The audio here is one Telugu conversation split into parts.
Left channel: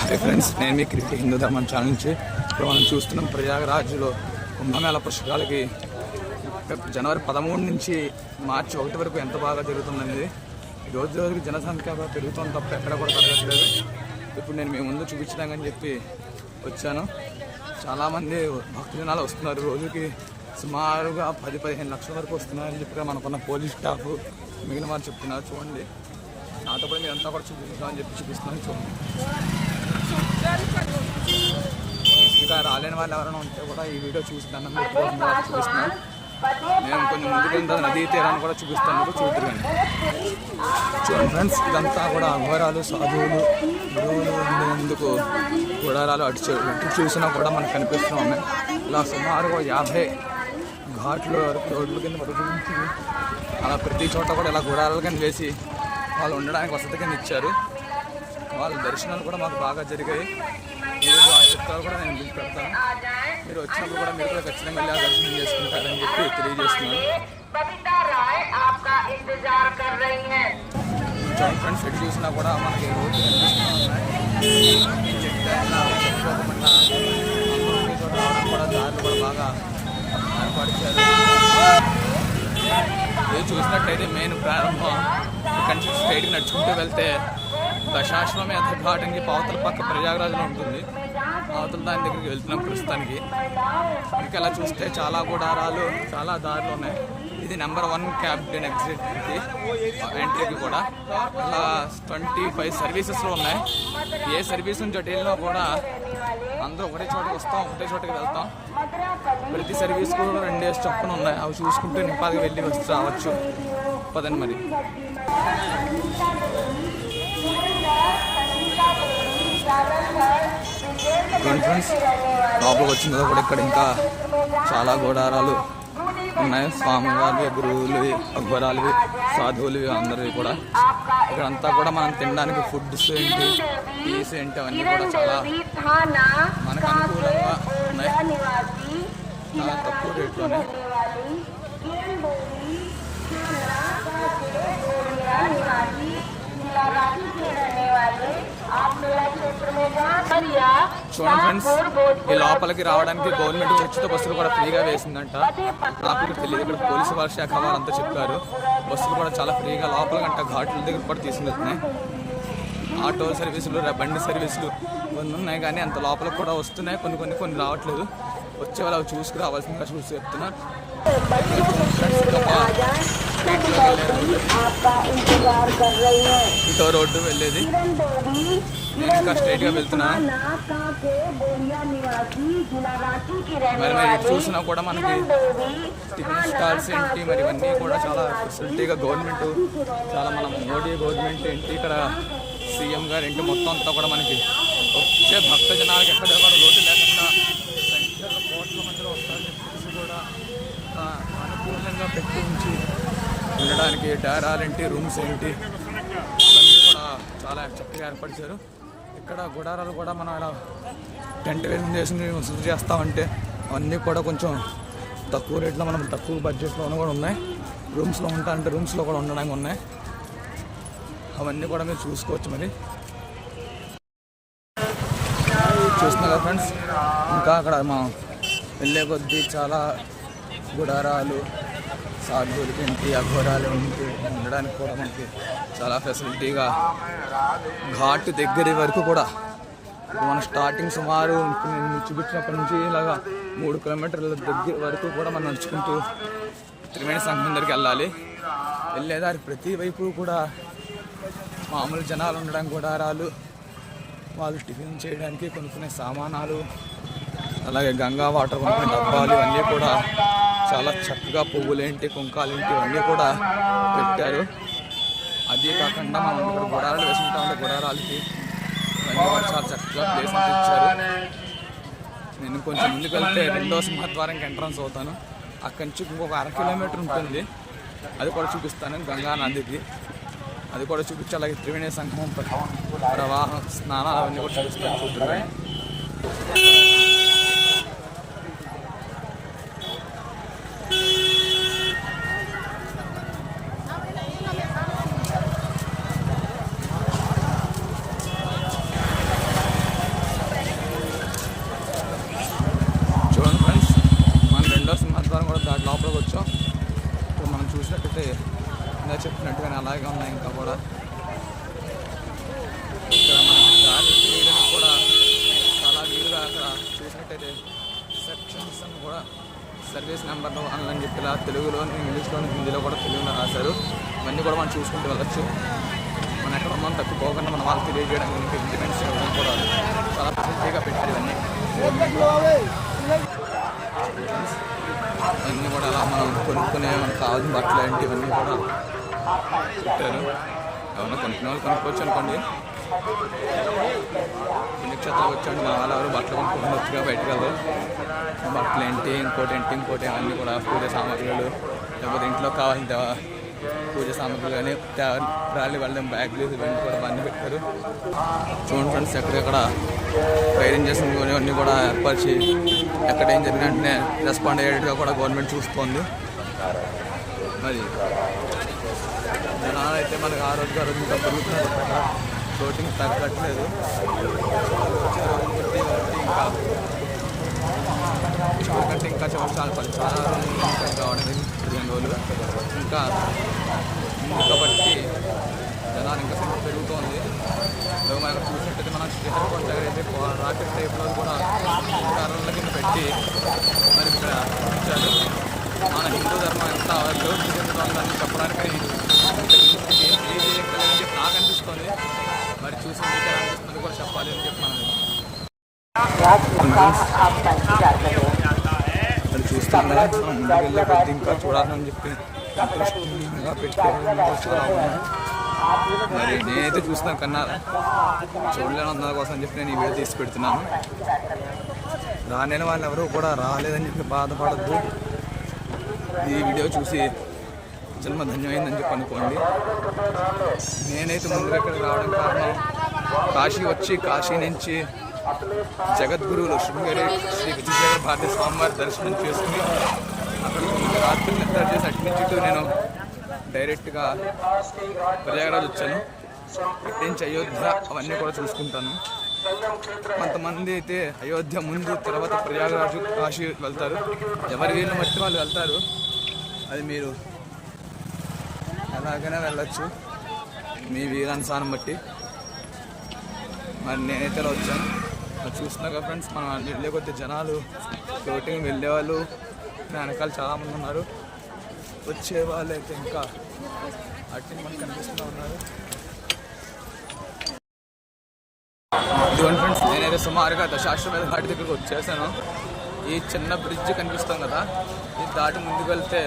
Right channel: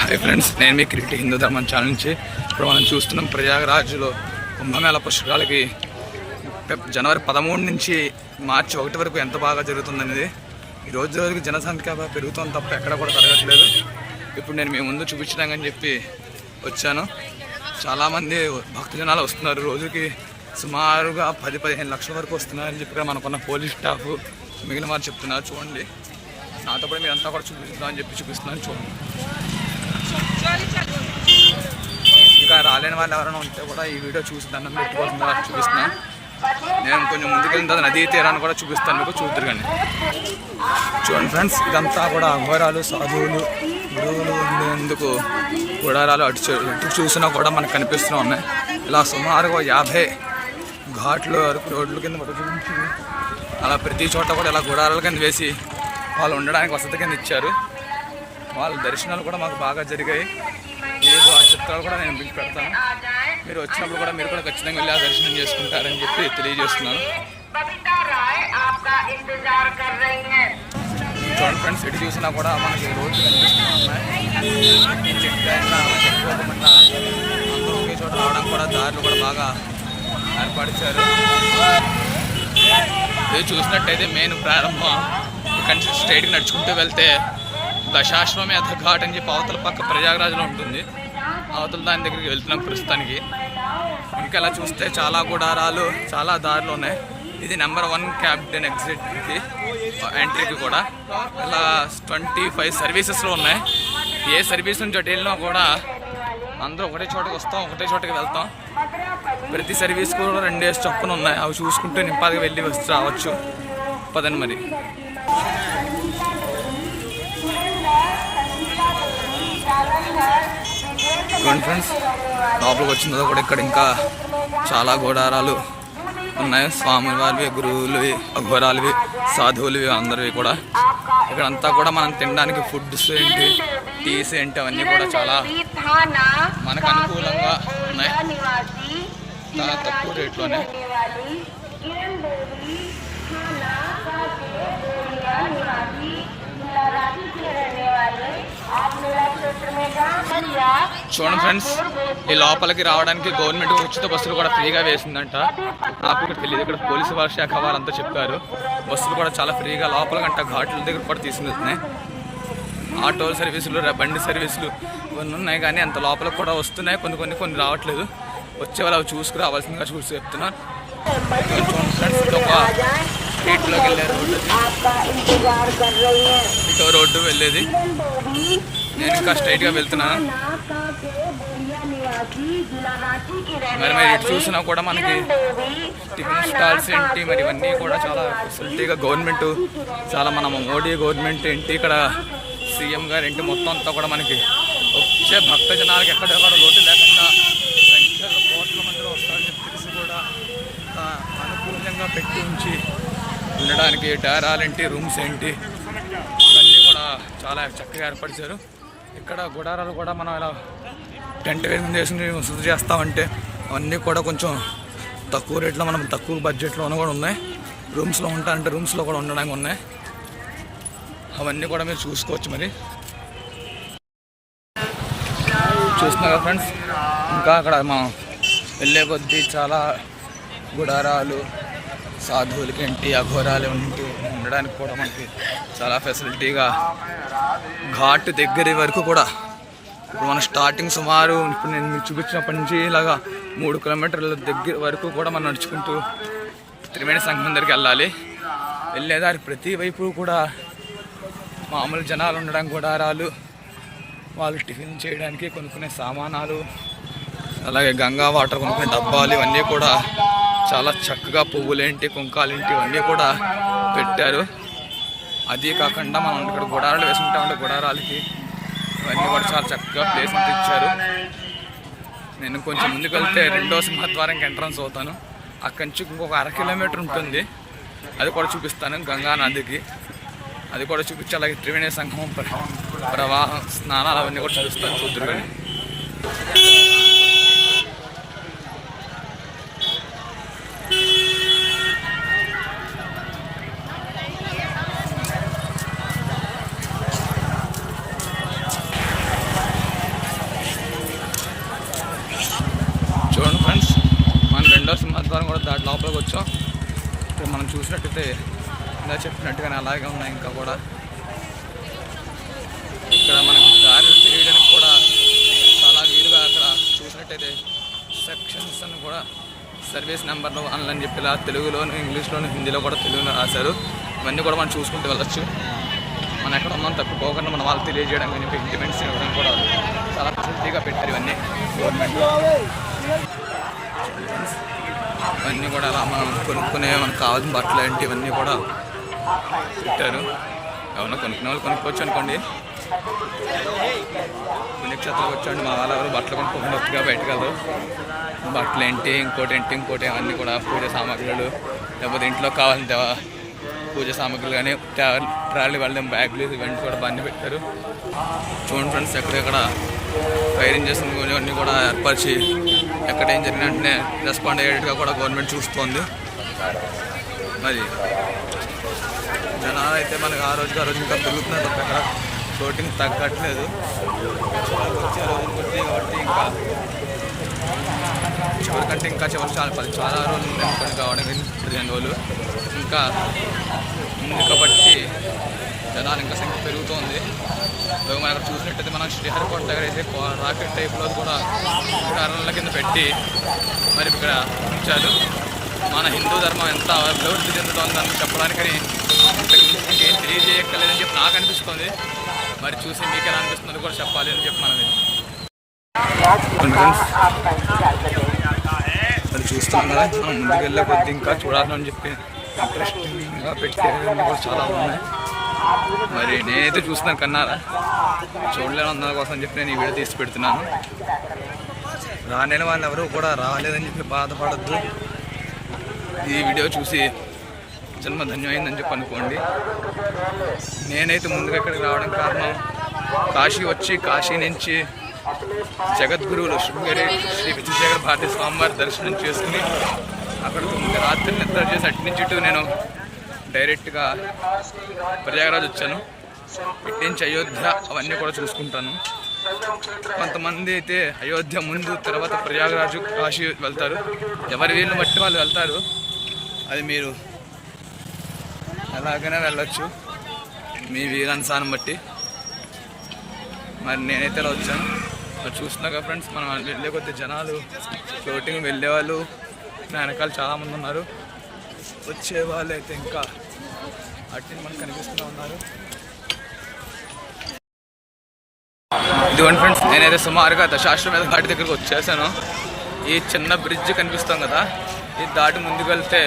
హాయ్ ఫ్రెండ్స్ నేను మీ క్రికెట్ హిందూ ధర్మం ఛానల్ నుంచి ఇప్పుడు మనం చూస్తున్నాం ప్రయాగరాజులో కుంభమేళ పుష్కరాలకి జనవరి పదమూడు నుంచి మార్చి ఒకటి వరకు ఎంత బాగా జరుగుతుందనేది. ఈ రోజు రోజుకి జనసంఖ్య పెరుగుతుంది తప్ప ఎక్కడ కూడా తరగట్లేదు ఇప్పుడు నేను మీ ముందు చూపించడానికని చెప్పి వచ్చాను. చాలామంది భక్తజనాలు వస్తున్నారు. రోజుకి సుమారుగా పది పదిహేను లక్షల వరకు వస్తున్నారని చెప్పి ఇక్కడ మనకున్న పోలీస్ స్టాఫ్ మిగిలిన వారు చెప్తున్నారు. చూడండి. నాతో కూడా అంతా కూడా చూపిస్తామని చెప్పి చూపిస్తున్నాను చూడండి. ఇంకా రాలేని వాళ్ళు ఎవరైనా ఉంటే కూడా ఈ వీడియో చూసి దండం పెట్టుకోవాల్సింది వాళ్ళకి చూపిస్తున్నాను నేను కొంచెం ముందుకెళ్ళిన తర్వాత నదీ తీరాన్ని కూడా చూపిస్తాను మీకు చూద్దరు కానీ. చూడండి ఫ్రెండ్స్ ఇదంతా కూడా అఘోరాలు సాధువులు గురువులు ఉండేందుకు గుడారాలు అటు అటు చూసినా కూడా మనకు కనిపిస్తూ ఉన్నాయి. ఇలా సుమారుగా యాభై ఘాట్లు రోడ్ల కింద అలా ప్రతి చోట కూడా ఇలా గుడారాల కింద వేసి వాళ్ళు ఉండడానికి వసతి కింద ఇచ్చారు. వాళ్ళ దర్శనాలు కూడా మాకు బాగా జరిగాయి. మీకు ఆ చిత్రాలు కూడా నేను పిలిచి పెడతాను. మీరు వచ్చినప్పుడు కూడా మీరు కూడా ఖచ్చితంగా వెళ్ళి ఆ దర్శనం చేసుకుంటారని చెప్పి తెలియజేస్తున్నాను. చూడండి ఫ్రెండ్స్ ఎటు చూసినా కూడా మనకి అందరూ ఒకే చోట రావడానికి కూడా దారులు కూడా బాగా ఏర్పరిచారు ఇది చూసినట్టయితే మెయిన్ ప్రారంభం. ఇక్కడ స్ట్రైట్గా నడుచుకుంటూ వెళ్తే దశాశ్వమేధ ఘాట్ అని చెప్పి అవతల పక్క ప్రయాగరాజ్లో ఉంటుంది. అవతల దాని దగ్గరికి వెళ్తున్నాం ప్రస్తుతానికి. ఇంకా ఇలా చూస్తే చాలా గుడారాలు చాలా దారులు ఉన్నాయి. ఇది నెంబర్ వన్ క్యాప్టెన్ ఎగ్జిట్కి ఎంట్రీకి కూడా. ఇలా ట్వంటీ ఫైవ్ సర్వీసెస్లో ఉన్నాయి. ఏ సర్వీస్ నుంచి అటు వెళ్ళినా కూడా అందరూ ఒకటే చోటకి వస్తాం ఒకటే చోటకి వెళ్తాం. ప్రతి సర్వీస్ కూడా రెండేసి చొప్పున ఉన్నాయి. అవి చూసుకుంటూ నింపాదిగా వెళ్ళి వచ్చి రావచ్చు. పదండి మరి. ఫ్రెండ్స్ లోపలికి వచ్చిన తర్వాత కూడా ఇక్కడ ఇంకా చాలా గోడారాలు ఉన్నాయి. స్వామి వారివి గురువులవి అఘోరాలవి సాధువులవి అందరివి కూడా. ఇక్కడ అంతా కూడా మనం తినడానికి ఫుడ్స్ ఏంటి టీస్ ఏంటి అవన్నీ కూడా చాలా మనకు అనుకూలంగా ఉన్నాయి. చాలా తక్కువ రేట్లోనే. చూడండి ఫ్రెండ్స్ ఈ లోపలికి రావడానికి గవర్నమెంట్ ఉచిత బస్సులు కూడా ఫ్రీగా వేసిందంట. నాకు ఇక్కడ తెలియదు ఇక్కడ పోలీసు వారి శాఖ వారంతా చెప్పారు. బస్సులు కూడా చాలా ఫ్రీగా లోపలికంట ఘాట్ల దగ్గర కూడా తీసుకెళ్తున్నాయి ఆటో సర్వీసులు బండి సర్వీసులు కొన్ని ఉన్నాయి కానీ అంత లోపల కూడా వస్తున్నాయి. కొన్ని కొన్ని కొన్ని రావట్లేదు. వచ్చే వాళ్ళు అవి చూసుకురావాల్సిందిగా చూసి చెప్తున్నారు చూడండి ఫ్రెండ్స్ ఇది ఒక స్ట్రీట్లోకి వెళ్ళారు ఇటో రోడ్డు వెళ్ళేది. నేను ఇంకా స్ట్రైట్గా వెళ్తున్నాను మరి మరి ఇటు చూసినా కూడా మనకి టిఫిన్ స్టాల్స్ ఏంటి మరి ఇవన్నీ కూడా చాలా ఫెసిలిటీగా గవర్నమెంట్ చాలా మన మోడీ గవర్నమెంట్ ఏంటి ఇక్కడ సీఎం గారు ఏంటి మొత్తం అంతా కూడా మనకి వచ్చే భక్త జనాలకు ఎక్కడ కూడా లోటు లేకుండా సంఖ్యలో కోట్ల మందిలో వస్తారని చెప్పి కూడా అనుకూలంగా పెట్టి ఉంచి ఉండడానికి డేరాలేంటి రూమ్స్ ఏంటి ఇవన్నీ కూడా చాలా చక్కగా ఏర్పరిచారు ఇక్కడ గుడారాలు కూడా మనం ఇలా టెంట్ వేసుకుని చేసి శుద్ధి చేస్తామంటే అవన్నీ కూడా కొంచెం తక్కువ రేట్లో మనం తక్కువ బడ్జెట్లోనూ కూడా ఉన్నాయి. రూమ్స్లో ఉంటారంటే రూమ్స్లో కూడా ఉండడానికి ఉన్నాయి. అవన్నీ కూడా మీరు చూసుకోవచ్చు మరి. చూస్తున్నా కదా ఫ్రెండ్స్ ఇంకా అక్కడ మనం వెళ్ళే కొద్దీ చాలా గుడారాలు సాధువులకి ఏంటి అఘోరాలు ఏంటి ఉండడానికి కూడా మనకి చాలా ఫెసిలిటీగా ఘాట్ దగ్గర వరకు కూడా. ఇప్పుడు మన స్టార్టింగ్ సుమారు ఇప్పుడు నేను మీకు చూపించినప్పటి నుంచి ఇలాగా మూడు కిలోమీటర్ల దగ్గర వరకు కూడా మనం నడుచుకుంటూ త్రివేణి సంఘం దగ్గరికి వెళ్ళాలి. వెళ్ళేదారి ప్రతి వైపు కూడా మామూలు జనాలు ఉండడం గుడారాలు వాళ్ళు టిఫిన్ చేయడానికి కొనుక్కునే సామానాలు అలాగే గంగా వాటర్ కొనుక్కునే డబ్బాలు ఇవన్నీ కూడా చాలా చక్కగా పువ్వులేంటి కుంకాలేంటి ఇవన్నీ కూడా పెట్టారు. అదే కాకుండా మనం ఇక్కడ గుడారాలు వేసుకుంటామంటే గుడారాలకి ఇవన్నీ కూడా చాలా చక్కగా ప్లేస్ ఇచ్చారు. నేను కొంచెం ముందుకు వెళ్తే రెండో సింహద్వారంకి ఎంట్రన్స్ అవుతాను. అక్కడి నుంచి ఇంకొక అర కిలోమీటర్ ఉంటుంది. అది కూడా చూపిస్తాను గంగా నదికి. అది కూడా చూపించి అలాగే త్రివేణి సంఘం ప్రవాహం స్నానాలు అవన్నీ కూడా చూపిస్తాను చూద్దరు కానీ చూసినట్టయితే ఇలా చెప్పినట్టుగానే అలాగే ఉన్నాయి ఇంకా కూడా ఇక్కడ మనకి దారి తెలియడానికి కూడా చాలా వీలుగా అక్కడ చూసినట్టయితే సెక్షన్స్ అని కూడా సర్వీస్ నెంబర్లు అని చెప్పి ఇలా తెలుగులోను ఇంగ్లీష్లోను హిందీలో కూడా తెలుగులో రాశారు. ఇవన్నీ కూడా మనం చూసుకుంటూ వెళ్ళచ్చు. మనం ఎక్కడ ఉన్నాం తప్పిపోకుండా మనం వాళ్ళకి తెలియజేయడం కానీ ఇంటిమెంట్స్ ఇవ్వడం కూడా చాలా ఫెసిలిటీగా పెట్టారు ఇవన్నీ. ఇవన్నీ కూడా అలా మనం కొనుక్కునే మనకు కావాల్సిన బట్టలు ఇవన్నీ కూడా పెట్టారు. ఏమన్నా కొనుక్కునే వాళ్ళు కొనుక్కోవచ్చు అనుకోండి. పుణ్యక్షేత్రాలకు వచ్చాండి మా వాళ్ళు ఎవరు బట్టలు కొనుక్కోకుండా వచ్చుగా బయటకు వెళ్ళరు బట్టలు ఏంటి ఇంకోటి ఏంటి ఇంకోటి అన్నీ కూడా పూజ సామాగ్రులు లేకపోతే ఇంట్లో కావాల్సిన పూజ సామాగ్రులు కానీ ట్రాలీ వెళ్ళడం బ్యాగులు ఇవన్నీ కూడా బండి పెట్టారు. చూడండి ఫ్రెండ్స్ ఎక్కడెక్కడ ఫైరింగ్ చేసిన అన్నీ కూడా ఏర్పరిచి ఎక్కడ ఏం జరిగిన వెంటనే రెస్పాండ్ అయ్యేట్టుగా కూడా గవర్నమెంట్ చూస్తోంది. మరి జనాలు అయితే మనకి ఆ రోజుకి ఆ రోజు ఇంకా పెరుగుతున్నారు తప్ప ఎక్కడ ఫ్లోటింగ్ తగ్గట్లేదు. వచ్చే రోజులు కొద్ది కాబట్టి ఇంకా చివరికంటే ఇంకా చివరి చాలా పది చాలా రోజులు ఉంది అనుకోండి కావడానికి పదిహేను రోజులు. ఇంకా ఉంది కాబట్టి జనాలు ఇంకా సంఖ్య పెరుగుతోంది. మనం అక్కడ చూసినట్టయితే మనం శ్రీహరికోట దగ్గర అయితే రాకెట్ టైప్లో కూడా ఇప్పుడు అరల కింద పెట్టి మరి ఇక్కడ ఉంచారు. మన హిందూ ధర్మం ఎంత అభివృద్ధి చెందుతోందని చెప్పడానికని ఇంతకు మించి ఇంకేం తెలియజేయక్కర్లేదని చెప్పి నాకు అనిపిస్తుంది. మరి చూసి మీకు ఎలా అనిపిస్తుంది కూడా చెప్పాలి అని చెప్పి మనం ఫ్రెండ్స్. అది మనం ముందుకు వెళ్ళే కొద్ది ఇంకా చూడాలని చెప్పి ఇంట్రెస్టింగ్గా పెట్టేవన్నీ కూడా చాలా ఉన్నాయి. మరి నేనైతే చూస్తున్నాను కన్నారా? చూడలేను అందరి కోసం చెప్పి నేను ఈ వీడియో తీసి పెడుతున్నాను. రాలేని వాళ్ళు ఎవరు కూడా రాలేదని చెప్పి బాధపడద్దు. ఈ వీడియో చూసి జన్మ ధన్యమైందని చెప్పి అనుకోండి. నేనైతే ముందుగా ఇక్కడికి రావడం కారణం కాశీ వచ్చి కాశీ నుంచి జగద్గురువులు శృంగరి శ్రీ విజయశేఖర భారతి స్వామివారి దర్శనం చేసుకుని అక్కడ తొమ్మిది రాత్రులు నిద్ర చేసి అటు నుంచి ఇటు నేను డైరెక్ట్గా ప్రయాగరాజ్ వచ్చాను. ఇటు నుంచి అయోధ్య అవన్నీ కూడా చూసుకుంటాను. కొంతమంది అయితే అయోధ్య ముందు తర్వాత ప్రయాగరాజు కాశీ వెళ్తారు. ఎవరి వీళ్ళని బట్టి వాళ్ళు వెళ్తారు. అది మీరు ఎలాగైనా వెళ్ళొచ్చు. మీ వీరానుసారం బట్టి. మరి నేనైతే ఇలా వచ్చాను. మరి చూస్తున్నాక ఫ్రెండ్స్ మనం వెళ్ళే కొద్ది జనాలు ఫ్లోటింగ్ వెళ్ళేవాళ్ళు వెనకాల చాలామంది ఉన్నారు. వచ్చే వాళ్ళు అయితే ఇంకా అట్టి మనకు కనిపిస్తూ ఉన్నారు. ఇదిగోండి ఫ్రెండ్స్ నేనైతే సుమారుగా దశాశ్వమేధ ఘాటి దగ్గరికి వచ్చేసాను. ఈ చిన్న బ్రిడ్జ్ కనిపిస్తాం కదా ఇది దాటి ముందుకు వెళ్తే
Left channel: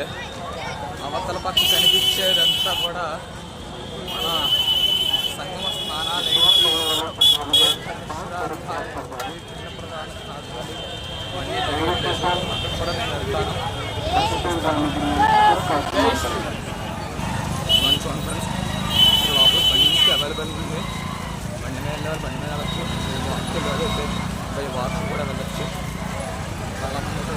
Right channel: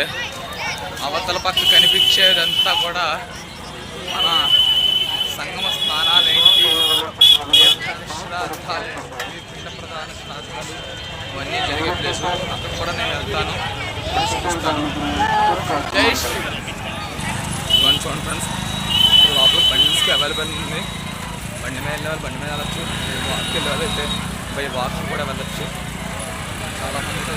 అవతల పక్క కనిపించేదంతా కూడా మన సంగమ స్నానాలు ఏంటి తీర్థాలు, ప్రధాన స్థానాలు ఇవన్నీ జరిగే ప్లేస్ అక్కడ కూడా నేను వెళ్తాను. జై శ్రీరామ్. ఇదిగోండి చూడండి ఫ్రెండ్స్. ఇక్కడ లోపల బండికి అవైలబుల్ ఉంది. బండి మీద వెళ్ళే బండి మీద వెళ్ళచ్చు. వాక్ వెళ్ళేవాళ్ళు అయితే బై వాక్ కూడా వెళ్ళచ్చు. చాలామంది అయితే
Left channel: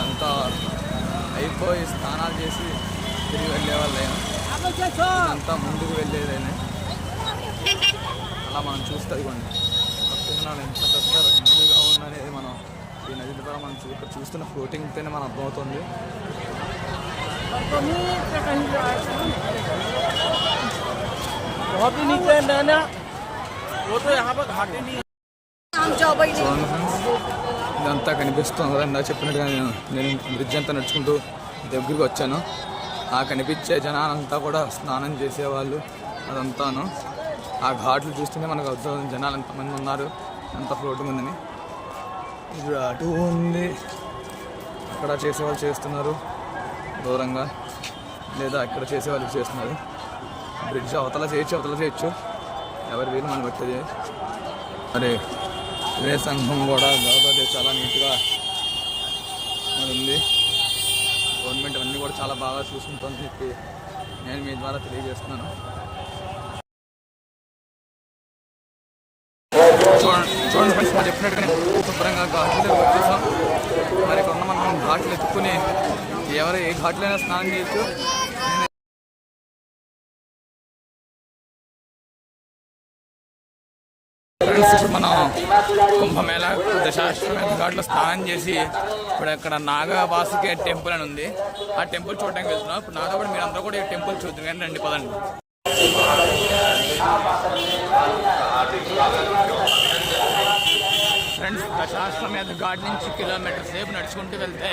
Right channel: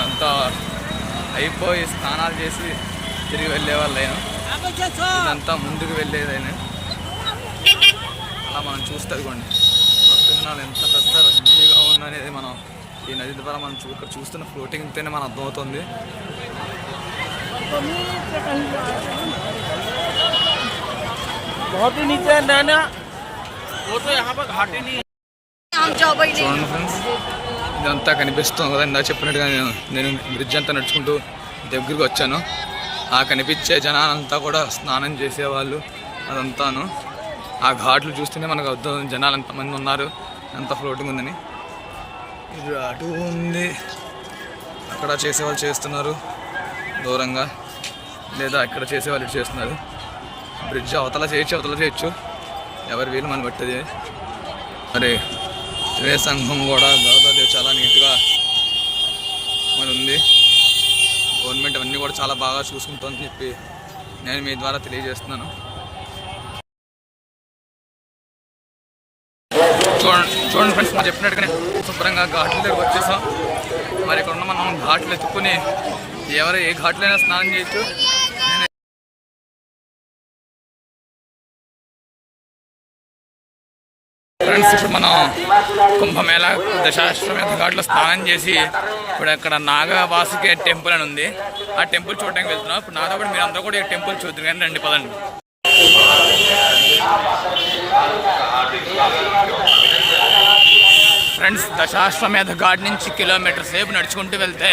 అంతా అయిపోయి స్నానాలు చేసి తిరిగి వెళ్ళే వాళ్ళైనా ఇదంతా ముందుకు వెళ్ళేదైనా అలా మనం చూస్తే అదిగోండి భక్తజనాలు ఎంత పెద్ద రద్దీగా ఉందనేది మనం ఈ నది ద్వారా మనం చూ ఇక్కడ చూస్తున్న ఫ్లోటింగ్తోనే మనం అర్థమవుతుంది बहुत ही नीचे है नैना वो तो यहाँ पर घाटी नहीं है చూడండి ఫ్రెండ్స్ ఇదంతా కనిపిస్తుంది కదా ఇందా చెప్పినట్టుగా నేను నేను బ్రిడ్జ్ అంతా నడుచుకుంటూ దగ్గరికి వచ్చాను. ఆ కనిపించే జనాలంతా కూడా స్నానం చేసేవాళ్ళు అదంతాను. ఆ ఘాట్లు చూస్తేనే మనకు అర్థం జనాలు ఎంతమంది ఉన్నారు ఎంత ఫ్లోటింగ్ ఉందని. ఇది అటు ఉంది. అక్కడ చేసేవాళ్ళు చేస్తున్నారు దూరంగా. లేదా ఇక్కడ చేసేవాళ్ళు చేస్తున్నారు. బ్రిడ్జ్ అవతల చేయొచ్చు అవతల చేయొచ్చు. ఎవరి వీలు మనం పెట్టేది. మరి రే సంఘం కూడా గౌదాదేవి చాలా నీట్గా మరి ఉంది గవర్నమెంట్ అవన్నీ కూడా చాలా బాగా చూసుకుంటుందని చెప్పి నేను మీ ద్వారా తెలియజేస్తున్నాను. చూడండి చూడండి ఫ్రెండ్స్ మనం చెప్పినట్టుగానే శుభ్రంగా ఘాట్ల దగ్గర వచ్చేసాం. మరి ఇక్కడ ఉన్న మనం ఘాట్లు ఎత్తుకుని ఎవరు ఏ ఘాట్లైనా స్నానం చేయొచ్చు. ఫ్రెండ్స్ ఇప్పుడు మనం కుంభమేళ దశాశ్వమేధ ఘాట్లో స్నానం చేసి ఇప్పుడు ఇక్కడ నాగవాసుకే టెంపుల్ అని ఉంది. ఆ టెంపుల్ చూడడానికి వెళ్తున్నాం. ఇప్పుడు నాతో కూడా మీరు అందరూ కూడా ఈ టెంపుల్ చూద్దరు కానీ రండి పదండి. ఫ్రెండ్స్ దశాశ్వమేధ ఘాట్ నుంచి కిలోమీటర్ సేపు నడుచుకుంటూ వెళ్తే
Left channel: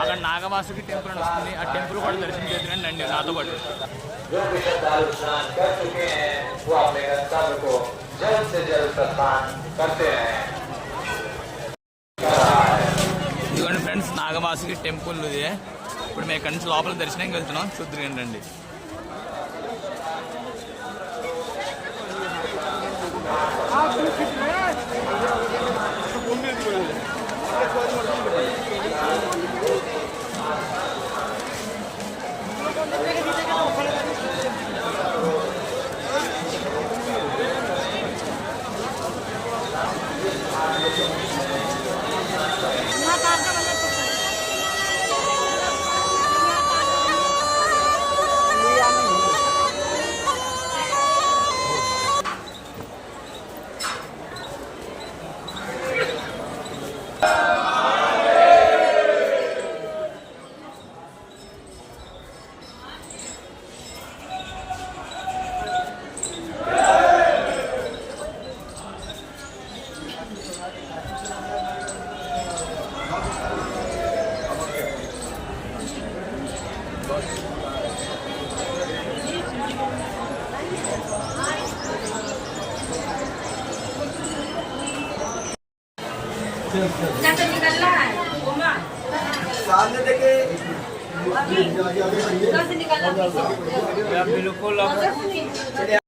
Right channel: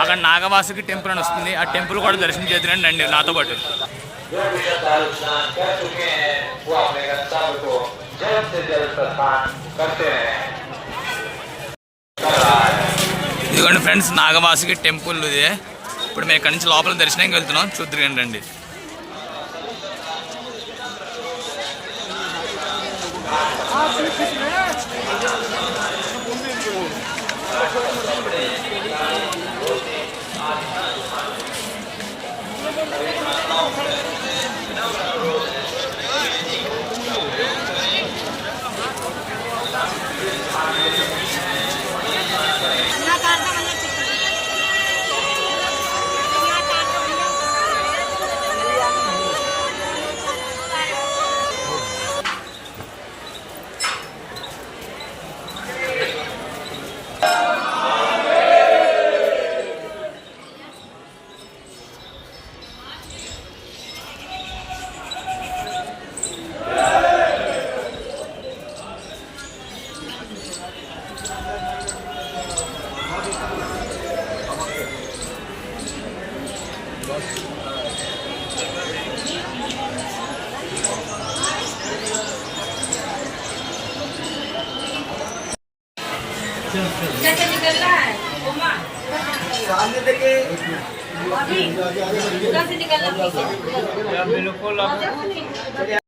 అక్కడ నాగవాసుకి టెంపుల్ అని వస్తుంది. ఆ టెంపుల్ కూడా దర్శనం చేద్దురండి రండి నాతో పాటు. ఇదిగోండి ఫ్రెండ్స్ నాగవాసుకి టెంపుల్ ఇది ఇప్పుడు మేము ఇక్కడి నుంచి లోపల దర్శనానికి వెళ్తున్నాం. చూద్దరు రండి कैसे निकलना है उमा अभी कैसे निकलना है